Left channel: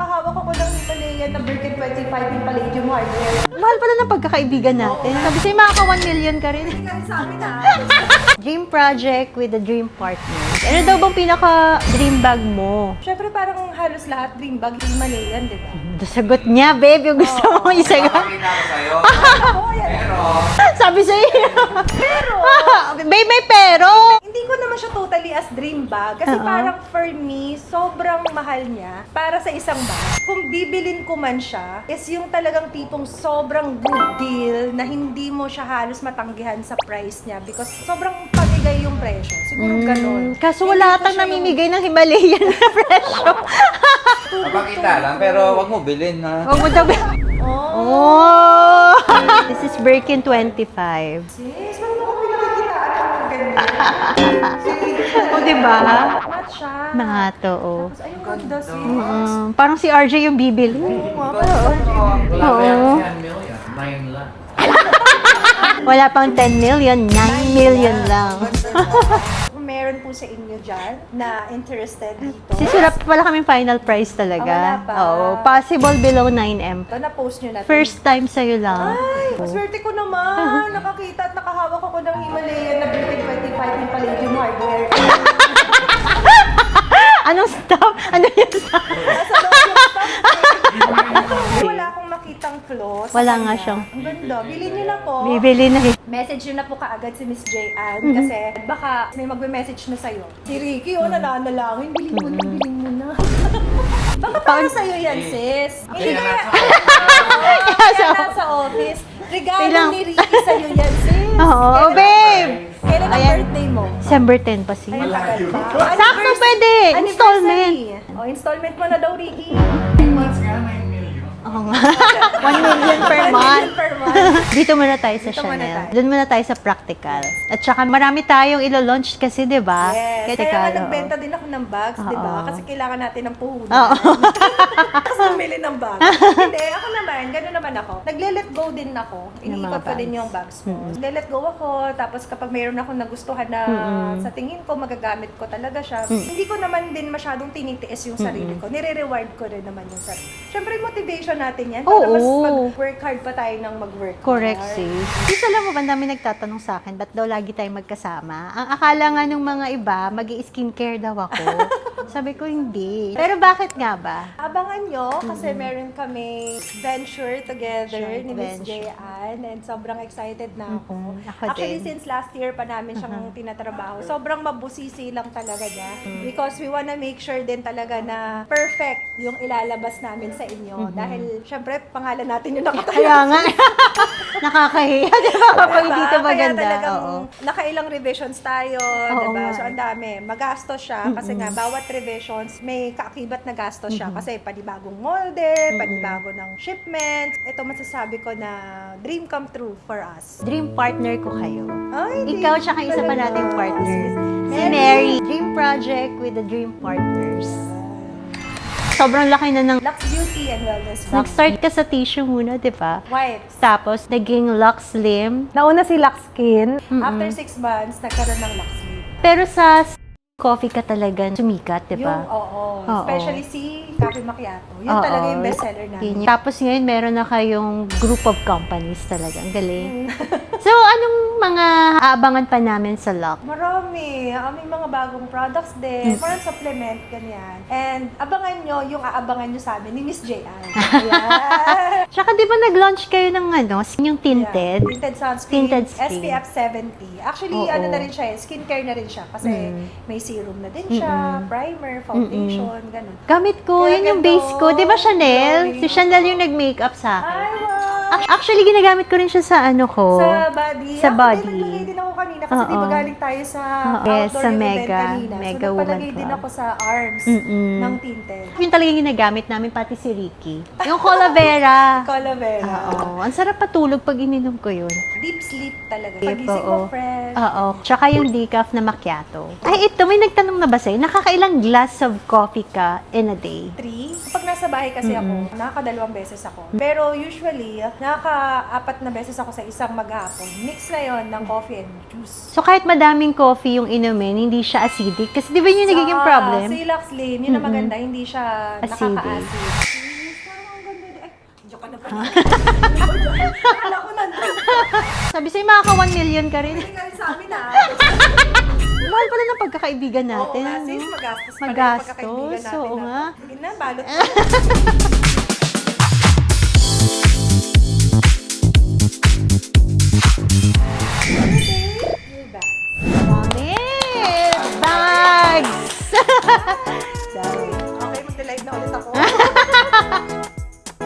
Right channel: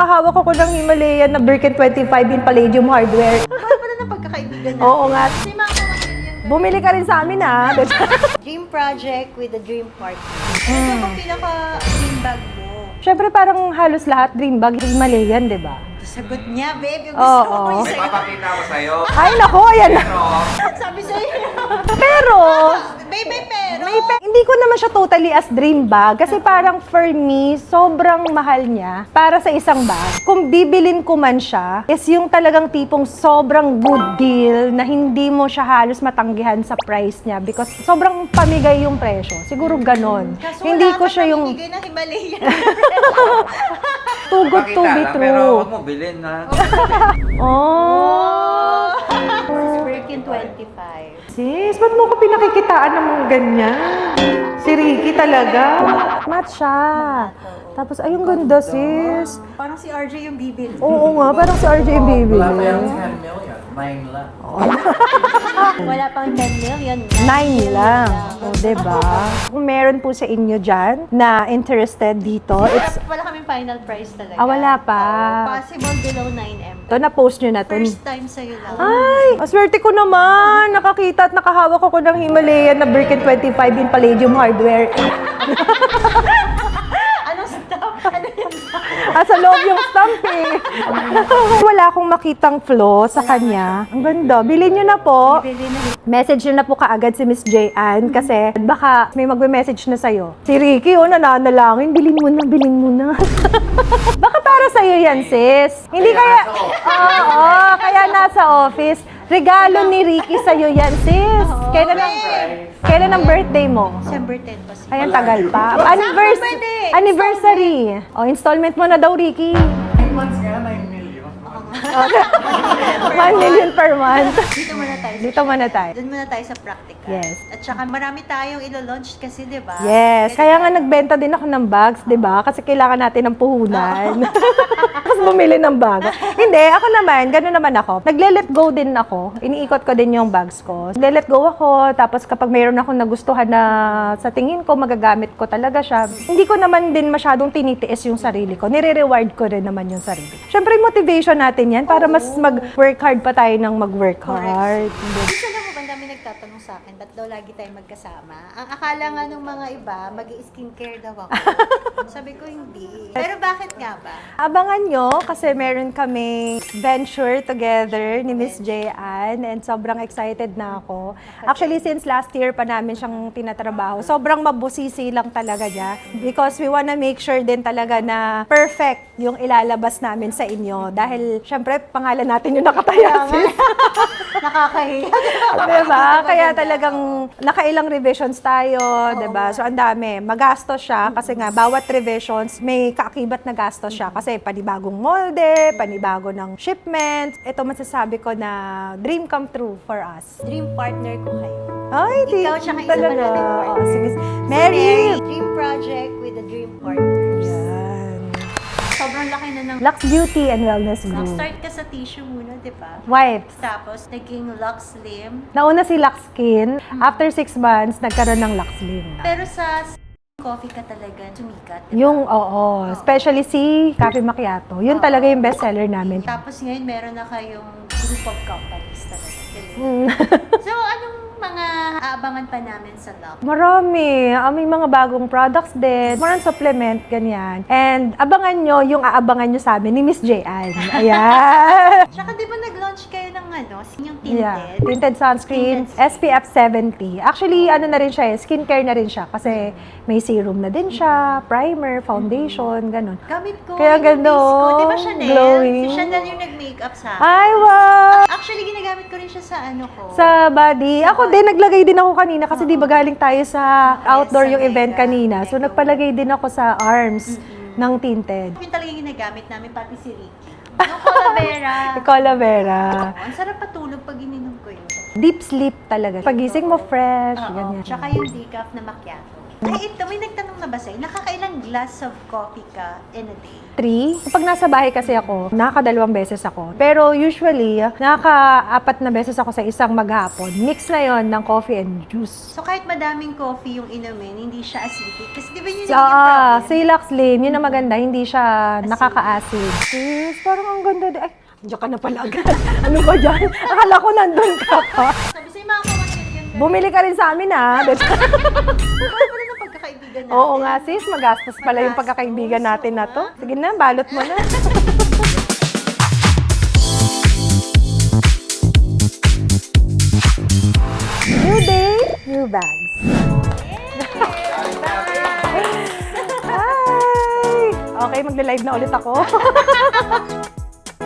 nakahawak ako ng Himalayan na Birkin 25 in Palladium hardware. Mahal pala ng pagkakaibigan natin. Oo nga. Sabi sa'yo, makaka 1 million ka rin. Bumili ka rin sa amin ha. Dream project with a dream partner. Ano daw bang pinaka-dream bag mo? Siyempre parang halos lahat dream bag Himalayan, di ba? Sagot niya, babe, yung gusto Oo. mo isagot. Pakita ko sa'yo. Ay, nako, yan. Sabi sa'yo. Pero, Babe, may pero. hindi ko naman siya totally as dream bag. Kasi parang for me, sobrang mahal niya para sa isang bag. Kung bibilin ko man siya, is yung talagang tipong sobrang good deal na hindi mo siya halos matanggihan sa price niya because sobrang pamigay yung presyo. Siguro ganon. Kaso Hindi wala ko kang siya yung namimigay ng Himalayan. too good to Pakita be lang, true. pero wag mo bilhin ha. Huwag mo sabihin. Oh! This is Birkin 25. Sis, ba't mo ko pinakikitaan ng mga ganyan? Si Ricky talaga. Diba? Match siya. Nato, oh. Tapos, ay, yung ganda, sis. Parang si RJ yung bibil. Oo nga, parang sa RJ Baby. Wala pa yung Oo. 10 million. 9 lang. Wala pang 10 million, 9 million lang. Diba? Kung meron po sa inyo dyan na interested dito, Wala kaming final price talaga. wala pa. Oo, possible below 9M. ito, na-post nyo na to. First time sa'yo lang. Ay, maswerte ko naman. Nakakita at nakahawak ako ng Himalayan na Birkin 25 in Palladium hardware. Anong stop? Ano yung stop? Sa loob yung stamp eh. Wala akong makitang flaw sa Wala nga kanya. siya. Ang ganda. Bilhin nyo na po. Bibili na rin. Message nyo na po kaagad si Miss J.Ann kasi baka may magme-message na sa'yo. Si Ricky, nananalangin. Bilhin mo na, bilhin mo na. Baka para sa'yo yan, sis. Hindi kaya... Oo, kaya nasa office. Regalo ni Ricky sa'yo yan, sis. Oo, Kailan babe. Kailan ang birthday mo? December 10 pa siya. Ay, ang tagal pa. Sakto pwede. Anniversary. O, installment mo na daw, Ricky. Oo nga. 1 million per 1 million month. per month. Dito muna tayo sa Dito muna Chanel. tayo. Doon muna tayo sa practical. Yes. At saka marami tayong ilo-launch kasi, di ba? Yes. Kaya nga Regalo. nagbenta din ako ng bags, di ba? Kasi kailangan natin ng puhunan. Kasi bumili ng bag. Hindi, ako naman, gano'n naman ako. Nagle-let go din ako. Iniikot ko din yung bags ko. Nagle-let go ako, tapos kapag mayroon akong nagustuhan na sa tingin ko, magagamit ko talaga siya. Hindi ko naman din masyadong tinitiis yung sarili ko. Nire-reward ko rin naman yung sarili. Siyempre, motivation natin yan para mas Oo. mag-work hard pa tayo ng mag-work Correct, hard. sis. Isa lang mo ba, dami nagtatanong sa akin, ba't daw lagi tayo magkasama? Ang akala nga ng mga iba, mag-i-skincare daw ako. Sabi ko, hindi. Pero bakit nga ba? Abangan nyo kasi meron kami venture together ni Miss J.Ann and sobrang excited na ako. Ako Actually, din. since last year pa namin siyang tinatrabaho, sobrang mabusisi lang talaga niya because we wanna make sure din talaga na perfect yung ilalabas namin sa inyo. Dahil, syempre, pangalan natin yung nakataya. Nakakahiya. Diba? Kaya maganda, talagang nakailang revisions tayo, diba? So, ang dami. Magastos siya kasi nga, bawat revisions, may kaakibat na gastos siya. Kasi panibagong molde, panibago ng shipment. Ito masasabi ko na dream come true for us. Dream partner ko kayo. Ay, Ikaw tsaka isa pa talaga. nating partner. Sige. Si Mary! Mary. Dream project with the dream partners. Sobrang laki na ng... Lux Beauty and Wellness Group. Nag-start ka sa tissue muna, di ba? Wipes. Tapos, naging Lux Slim. Nauna si Lux Skin. After 6 months, nagkaroon ng Lux Slim. Pero sa coffee ka talaga sumikat, di ba? Yung, oo. Especially si Cafe Macchiato. Yun Oo. talaga yung bestseller namin. Tapos ngayon, meron na kayong group of companies talaga. Ang galing. So, anong mga aabangan pa namin sa Lux? Marami. May mga bagong products din. More on supplement, ganyan. And abangan nyo yung aabangan nyo sa amin ni Miss J.Ann. Ayan. Tsaka di ba nag-launch kayo ng yung tinted? Yeah. Tinted sunscreen, Tinted screen. SPF 70. Actually, Oo. ano na rin siya, skincare na rin siya. Kasi may serum na din siya, primer, foundation, ganun. Gamit ko, Kaya yun yung ganda, base ko. Di ba Chanel? glowing. Si Chanel yung nag-makeup sa akin. Ay, wow! Actually, ginagamit ko rin siya sa ano ko. Sa body. Sa Ako din, body. naglagay din ako kanina kasi di ba Oo. galing tayo sa Yes, outdoor sa yung event Mega. kanina. So, Mega nagpalagay Woman din Club. ako sa arms ng tinted. Yun talaga yung ginagamit namin, pati si Ricky. Yung Cola Vera. Aloe vera. Oo, ang sarap patulog pag ininom ko yun. Deep sleep talaga. Deep, Pagising oo. mo fresh. Oo. Tsaka yung decaf na macchiato. Ay, ito, may nagtanong na ba sa'yo, nakakailang glass of coffee ka in a day? 3. Kapag nasa bahay kasi ako, nakakadalawang beses ako. Pero usually, nakaka-4 na beses ako sa isang maghapon. Mix na yon ng coffee and juice. So kahit madaming coffee yung inumin, hindi siya acidic? Kasi di ba yun yung nagiging problem? Silax Lane, yun ang maganda, hindi siya Acidic. nakaka-acid. Sis, parang ang ganda din. Ay, diyan ka na pala. Ano ba dyan? Akala ko nandun ka pa. Sabi sa'yo, makaka 1 million ka rin. Bumili ka rin sa amin, ha? Mahal pala ng pagkakaibigan natin. Oo nga, sis. Magastos pala yung Magastos, pagkakaibigan natin oo na to. nga. Sige na, balot mo na. New day, new bags. Yes! Bags! Hi! Okay, magla-live na ulit ako.